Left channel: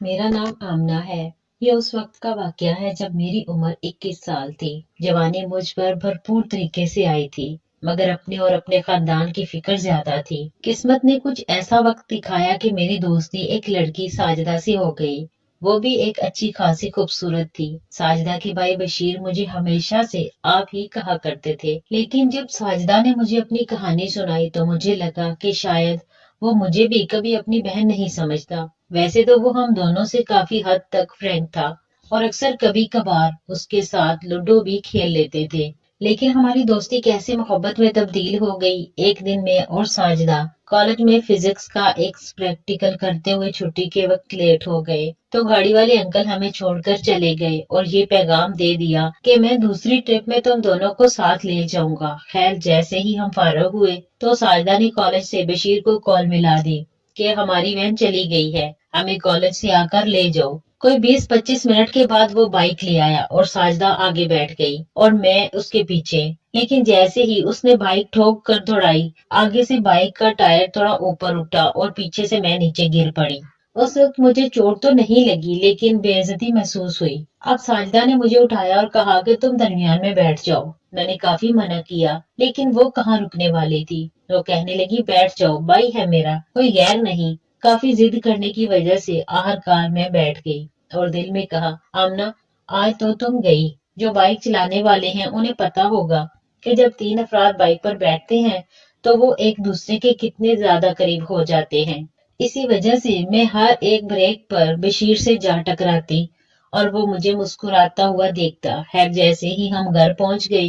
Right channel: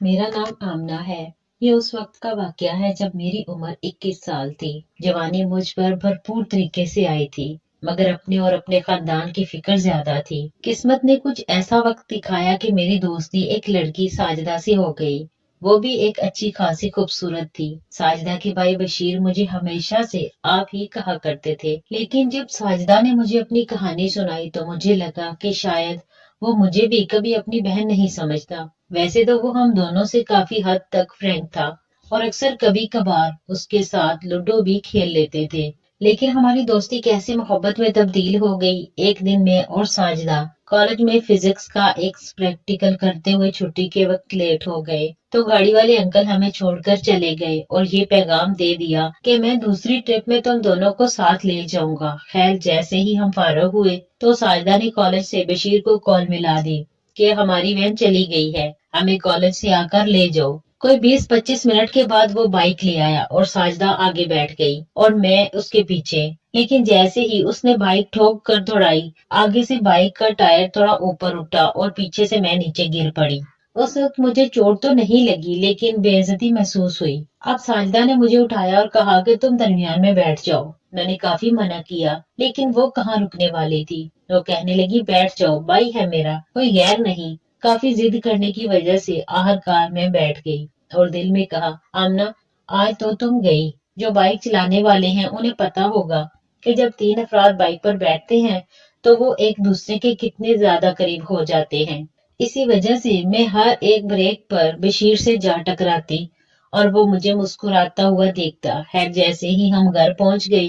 میرا نام آمنہ ہے۔ یہ اس وقت کا واقعہ ہے جب میری عمر 21 سال تھی۔ جوانی مجھ پر بھرپور طریقے سے آئی تھی، مگر اپنے اور اپنے خاندان کی فکر زیادہ تھی۔ قسمت نے کچھ ایسا وقت دکھایا کہ میری دوستی ایک لڑکی ساجدہ سے ہو گئی۔ وہ بھی ایک اچھی خاصی خوبصورت تھی۔ ساجدہ کے بھائی بشیر مجھے ہمیشہ سے آپ ہی کہا کرتے تھے، لیکن جب ساجدہ نے مجھے اپنی کہانی سنائی تو مجھے لگا کہ شاید وہ مجھے بھی کبھی اپنی بہن نہیں سمجھتا۔ ویسے تو وہ ہم دونوں سے کافی حد تک فرینک تھا اور اکثر کبھی کبھار اس کے ساتھ لوڈو بھی کھیل لیتے تھے، لیکن ہماری دوستی کیسے محبت میں تبدیل ہو گئی۔ ایک دن میں اور ساجدہ کالج میں فزکس کا ایک پریکٹیکل کرتے ہوئے چھٹی کے وقت لیٹ ہو گئے تو گاڑی والے انکل ہمیں چھوڑ کر چلے گئے اور یہ پیغام دے دیا کہ میں دوسری ٹرپ میں تم دونوں کو ساتھ لے جاؤں گا۔ خیر جیسے ہی ہم فارغ ہوئے تو ساجدہ نے کالج سے بشیر کو کال ملا دی کہ ہماری وین چلی گئی ہے، ہمیں کالج سے آ کر لے جاؤ۔ کوئی 20-25 منٹ کے بعد وہ بائک لے آیا اور ساجدہ آگے بیٹھ گئی اور میں اس کے پیچھے، لیکن جیسے ہی اس نے بائک ٹھوک کر دوڑائی، آگے سے بائک کا ٹائر تھوڑا اوپر اٹھا اور پیچھے سے میں نیچے گر پڑی۔ اس وقت مجھے چوٹ تو نہیں لگی لیکن بے عزتی محسوس ہوئی۔ اب ساجدہ نے مجھے اٹھایا اور کہا کہ تم درمیان میں بیٹھ جاؤ۔ میں نے کافی منع کیا لیکن وہ کہاں رکنے والی تھی۔ وہ کہنے لگی بیٹھ جاؤ، بھائی ہے میرا، کوئی غیر نہیں۔ کافی ضد کرنے کی وجہ سے آخرکار میں بیٹھ گئی اور دل میں کہا آمنہ آج تو تم گئی۔ جو بائک چلانے والے ہیں انہیں پتا ہوگا کہ جب 3 افراد بائک پر بیٹھتے ہیں تو وہ ایک دوسرے کے کتنے زیادہ قریب ہو جاتے ہیں۔ اسی وجہ سے میں ہر ایک بریک پر بشیر سے جا ٹکراتی اور وہ مجھے مسکراتا ہوا دیکھتا۔ خیر جیسے ہی ہم گھر پہنچ گئے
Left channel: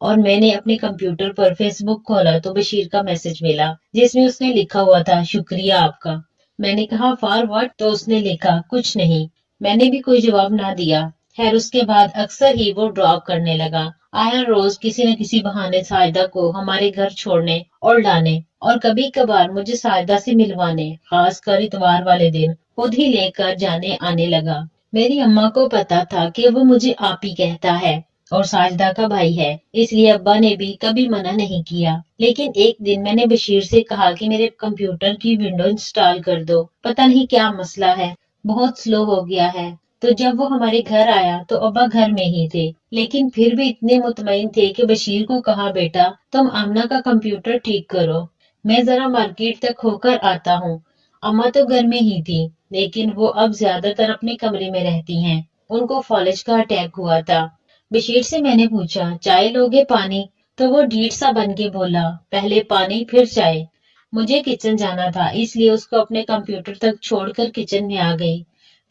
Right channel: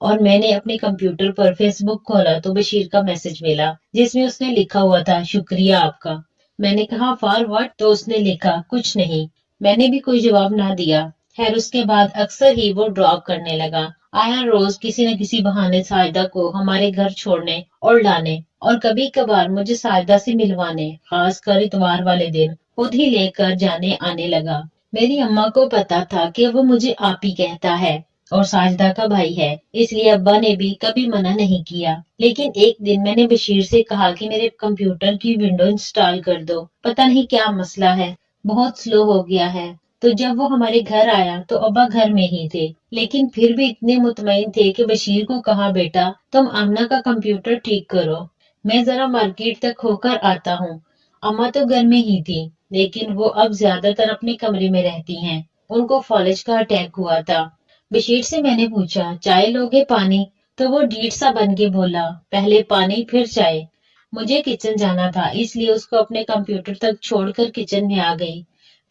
اور میں نے اپنے کمپیوٹر پر فیس بک کھولا تو بشیر کا میسج ملا جس میں اس نے لکھا ہوا تھا شکریہ آپ کا۔ میں نے کہا فار واٹ؟ تو اس نے لکھا کچھ نہیں۔ میں نے بھی کوئی جواب نہ دیا۔ خیر اس کے بعد اکثر ہی وہ ڈراپ کرنے لگا۔ آیا روز کسی نہ کسی بہانے ساجدہ کو ہمارے گھر چھوڑنے اور لانے اور کبھی کبھار مجھے ساجدہ سے ملوانے، خاص کر اتوار والے دن خود ہی لے کر جانے آنے لگا۔ میری اماں کو پتا تھا کہ وہ مجھے آپ ہی کہتا ہے اور ساجدہ کا بھائی ہے، اس لیے ابا نے بھی کبھی منع نہیں کیا۔ لیکن ایک دن میں نے بشیر سے کہا کہ میرے کمپیوٹر کی ونڈو انسٹال کر دو، پتہ نہیں کیا مسئلہ ہے، بہت سلو ہو گیا ہے۔ تو جب وہ ہمارے گھر آیا تو ابا گھر میں ہی تھے، لیکن پھر بھی اتنے مطمئن تھے کہ بشیر کو کہا بیٹا تم آمنہ کا کمپیوٹر ٹھیک کرو، میں ذرا مارکیٹ تک ہو کر آتا ہوں۔ اماں تو گھر میں ہی تھی لیکن وہ اب زیادہ تر اپنے کمرے میں رہتی ہیں، ان کو فالج کا اٹیک ہوا تھا۔ بشیر سے میں نے پوچھا چائے لوگے پانی؟ تو وہ ڈیڑھ سا بن کے بولا پہلے پانی پھر چائے۔ مجھے کچن جانا تھا اس لیے اس کو اپنے کمپیوٹر تک چھوڑ کر کچن میں آ گئی،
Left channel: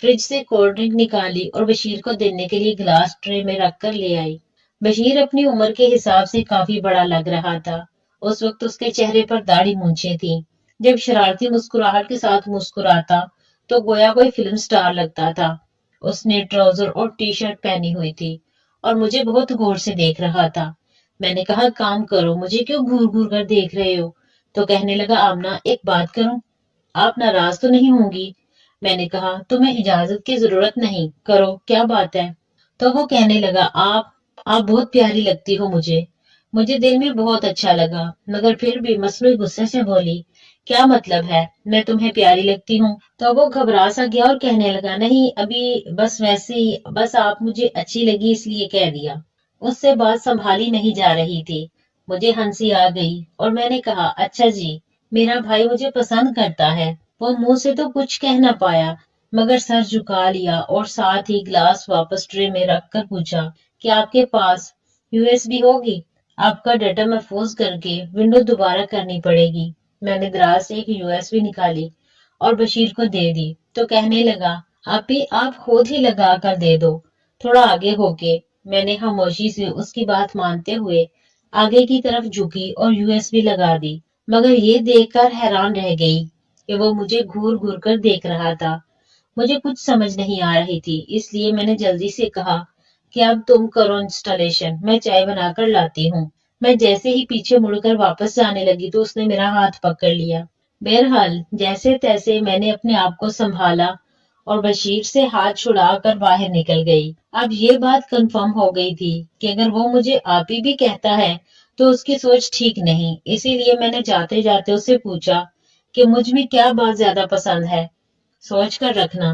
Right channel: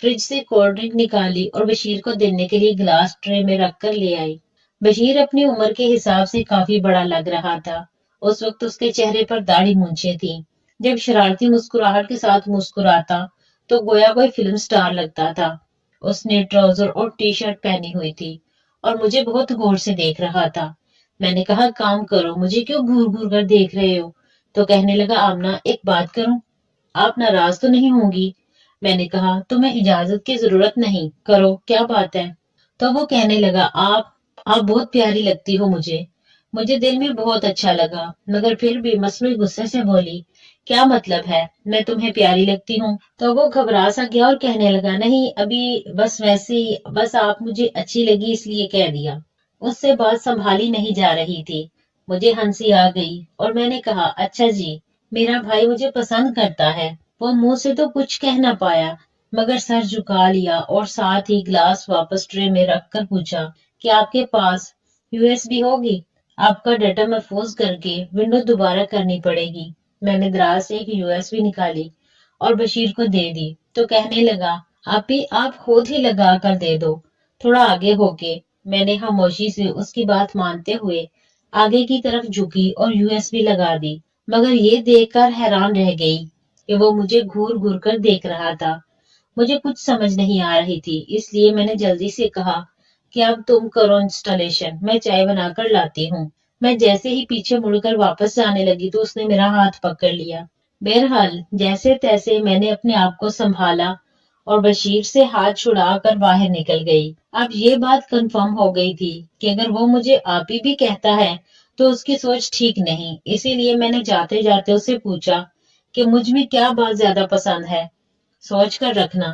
فریج سے کولڈ ڈرنک نکالی اور بشیر کو دینے کے لیے گلاس ٹرے میں رکھ کر لے آئی۔ بشیر اپنی عمر کے حساب سے کافی بڑا لگ رہا تھا۔ اس وقت اس کے چہرے پر داڑھی مونچھیں تھیں۔ جب شرارتی مسکراہٹ کے ساتھ مسکراتا تو گویا کوئی فلم سٹار لگتا تھا۔ اس نے ٹراؤزر اور ٹی شرٹ پہنی ہوئی تھی اور مجھے بہت غور سے دیکھ رہا تھا۔ میں نے کہا کام کرو، مجھے کیوں گھور گھور کر دیکھ رہے ہو؟ تو کہنے لگا آمنہ ایک بات کروں، آپ ناراض تو نہیں ہوں گی؟ میں نے کہا تمہیں اجازت کی ضرورت نہیں، کرو کیا بات ہے؟ تو وہ کہنے لگا آپ بہت پیاری لگتی ہو مجھے دل میں بہت اچھا لگا، مگر پھر بھی مصنوعی غصے سے بولی کیا مطلب ہے میں تمہیں پیاری لگتی ہوں؟ تو وہ گھبرا سا گیا اور کہنے لگا نہیں ابھی بس ویسے ہی، بس آپ مجھے اچھی لگی اس لیے کہہ دیا۔ اس سے بات سنبھالی نہیں جا رہی تھی، مجھے ہنسی آ گئی اور میں نے کہا اچھا جی میرا بھائی مجھے پسند کرتا ہے۔ وہ منہ سے تو کچھ کہہ نہ پایا مگر سر جھکا لیا اور ساتھ ہی گلاس واپس ٹرے میں رکھ کر پوچھا کہ آپ کے پاس USB ہوگی؟ آپ کا ڈیٹا محفوظ کر کے ونڈو دوبارہ کرنی پڑے گی۔ میں نے دراز سے ایک USB نکالی اور بشیر کو دے دی تو کہنے لگا آپ خود ہی لگا کر دے دو، تھوڑا آگے ہو کے۔ میں نے خاموشی سے اس کی بات مانتے ہوئے آگے کی طرف جھکی اور USB لگا دی، مگر یہ دیکھ کر حیران رہ گئی کہ وہ مجھے گھور گھور کر دیکھ رہا تھا۔ مجھے کچھ سمجھ نہیں آ رہی تھی، اس لیے میں نے جلدی سے کہا کہ اب تم کرو انسٹالیشن، میں چائے بنا کر لاتی ہوں۔ میں جیسے ہی پیچھے مڑ کر واپس جانے لگی تو اس نے میرا ہاتھ پکڑ لیا۔ بہرحال جیسے تیسے میں نے اپنے آپ کو سنبھالا اور بشیر سے ہاتھ چھڑا کر باہر نکل گئی۔ اب یہ بات کنفرم ہو گئی تھی کہ اگر وہ مجھے آپ ہی بھی کہتا ہے تو اس کی سوچ ٹھیک نہیں، اسی لیے میں نے جاتے جاتے اس سے پوچھا کہ مجھ میں کیا بات زیادہ پسند ہے؟ سوچ کر رکھنا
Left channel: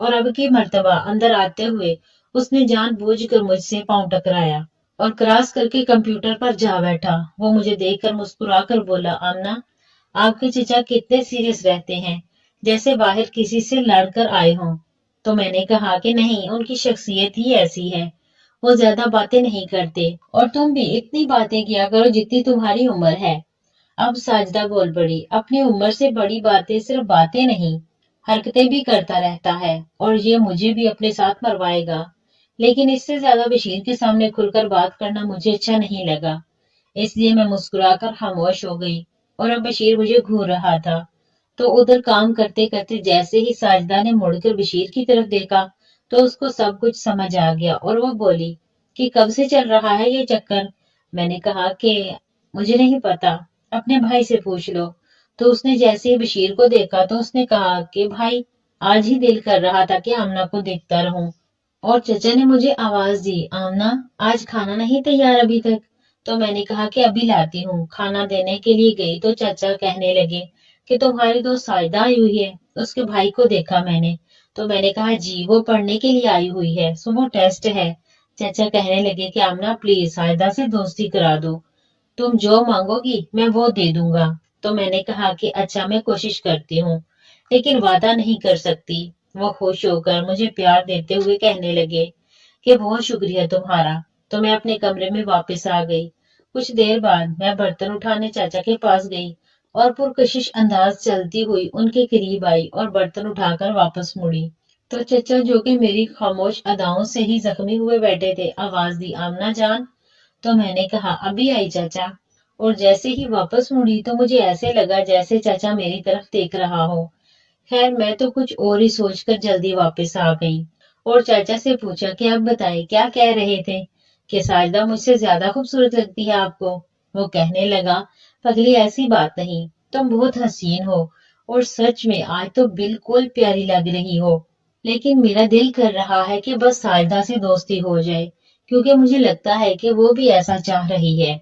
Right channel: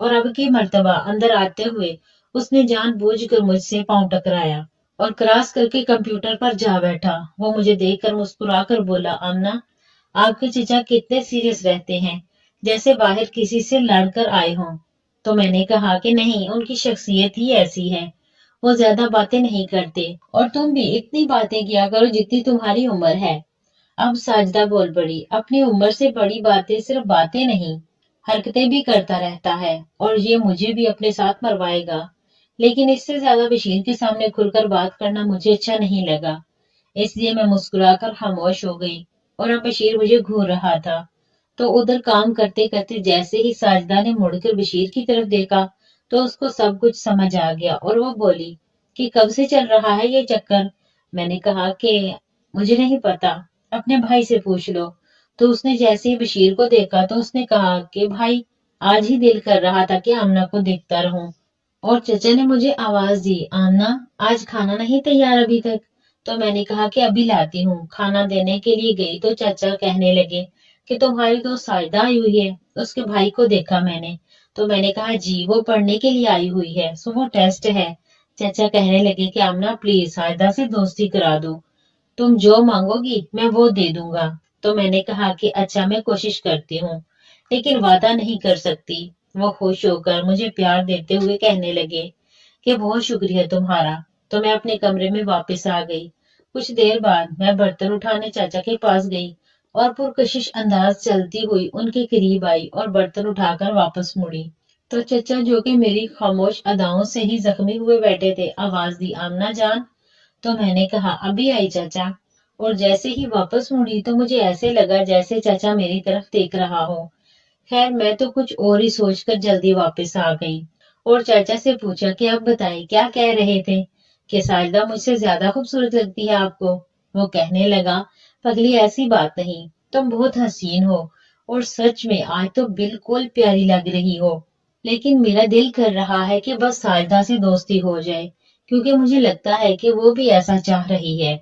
اور اب کی مرتبہ اندر آتے ہوئے اس نے جان بوجھ کر مجھ سے پاؤں ٹکرایا اور کراس کر کے کمپیوٹر پر جا بیٹھا۔ وہ مجھے دیکھ کر مسکرا کر بولا، آمنہ، آپ کے چچا کتنے سیریس رہتے ہیں، جیسے باہر کسی سے لڑ کر آئے ہوں۔ تو میں نے کہا کہ نہیں، ان کی شخصیت ہی ایسی ہے، وہ زیادہ باتیں نہیں کرتے، اور تم بھی اتنی باتیں کیا کرو جتنی تمہاری عمر ہے۔ اب ساجدہ بول پڑی، اپنی عمر سے بڑی باتیں صرف باتیں نہیں، حرکتیں بھی کرتا رہتا ہے، اور یہ مجھے بھی اپنے ساتھ مروائے گا۔ لیکن اس سے زیادہ بشیر کے سامنے کھل کر بات کرنا مجھے اچھا نہیں لگا، اس لیے میں مسکرا کر خاموش ہو گئی۔ اور اب بشیر مجھے گھور رہا تھا، تو ادھر کام کرتے کرتے جیسے ہی ساجدہ نے مڑ کر بشیر کی طرف دیکھا تو اس کو سب کچھ سمجھ آ گیا، اور وہ بولی کہ کب سے چل رہا ہے یہ چکر؟ میں نے کہا کہ مجھے نہیں پتا، اپنے بھائی سے پوچھ لو۔ تو اس نے جیسے ہی بشیر کو دیکھا تو اس نے کہا کہ بھائی، آج ہی دل کر رہا تھا کہ آمنہ کو دیکھتا رہوں، اور چچا نے مجھے آواز دی، آمنہ آج کھانا نہیں تیار ابھی تک؟ تو میں نے کہا کہ ابھی لاتی ہوں۔ کھانا دینے کے لیے گئی تو چچا کہنے لگے کہ تمہاری دوست ساجدہ آئی ہوئی ہے، اس کے بھائی کو دیکھا میں نے۔ تو میں نے کہا جی، وہ پڑھنے کے لیے آئی ہوئی ہے، صبح ٹیسٹ ہے۔ چچا کہنے لگے کہ آمنہ پلیز ساجدہ سے دوستی کرا دو، تم جو مانگو گی میں وہ دے دوں گا۔ تو میں نے کہا کہ اچھا، میں کوشش کرتی ہوں، لیکن وعدہ نہیں کر سکتی۔ وہ خوش ہو کر مجھے پیار دیتے ہوئے کہنے لگے کہ بہت شکریہ تمہارا۔ تو میں اپنے کمرے میں واپس آ گئی۔ کچھ دیر بعد میں برتن اٹھانے چاچا کے پاس گئی اور پرکشش انداز چلتی ہوئی ان کے قریب آئی اور برتن اٹھا کر واپس مڑی تو چچا، جو کہ میری خاموش اداؤں سے ہی زخمی ہوئے بیٹھے تھے، آواز دی، آمنہ جان۔ تو میں نے کہا ابھی آئی چچا، اور جیسے ہی واپس مڑی تو مجھے ایسے لگا جیسے چچا میری طرف دیکھ رہا ہو۔ خیر، میں تو کچھ اور ہی سوچ کر جلدی واپس آ گئی اور چاچا سے پوچھا کہ اب بتائیں کیا کہہ رہے تھے، کہ ساجدہ مجھ سے زیادہ خوبصورت لگتی ہے آپ کو؟ وہ کہنے لگا، پگلی ایسی بات نہیں، تم بہت حسین ہو، اور سچ میں آج تو بالکل پیاری لگ رہی ہو، لیکن میرا دل کر رہا ہے کہ بس ساجدہ سے دوستی ہو جائے، کیونکہ مجھے لگتا ہے کہ وہ بھی ایسا چاہ رہی ہے۔